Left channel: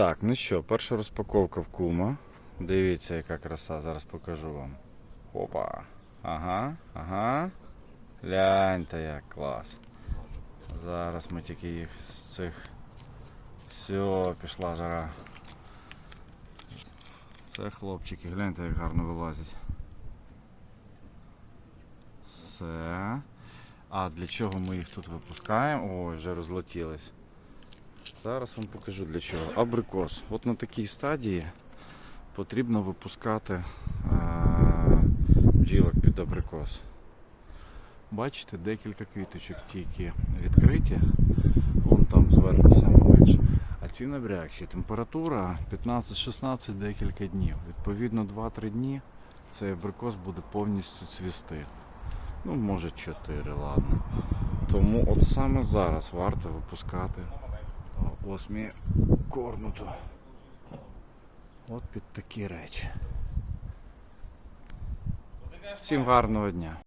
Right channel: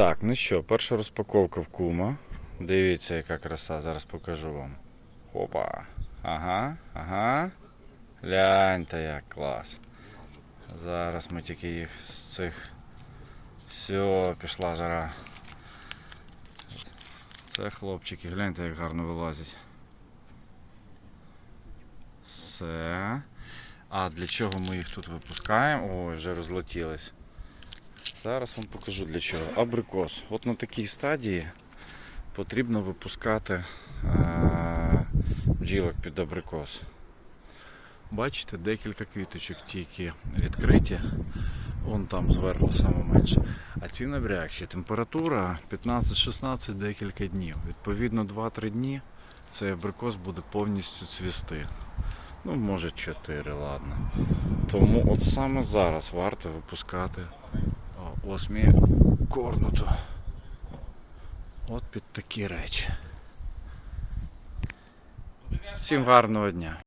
Так, ну що, перша розпаковка в кума. Дивіться, яка краса, зараз покажу вам. Опа. Ага, ага. Гляньте, як клас. Зараз ми тільки їх з цих. Все, пішла жара. Це хлопчики, гляньте, як гарно вилазять. Все. А для чого ми їх тут випускаємо? Ой, вже розлетілись. Зараз вам покажу для чого. Абрикос. От на такій стадії потрібно випускати е- бджілок під абрикос. Бачите, декілька квіточок тільки відкриті. Вон там зверху саме менше. А ці набрякші. Температура 15-16 декілька днів. Відповідно, 2-3 дні цей абрикос буде повністю цвісти. Ну, може 4, ладно. Тому от саме зараз варто випускати осмі корнуту. От під такі речі. Всім гарного дня.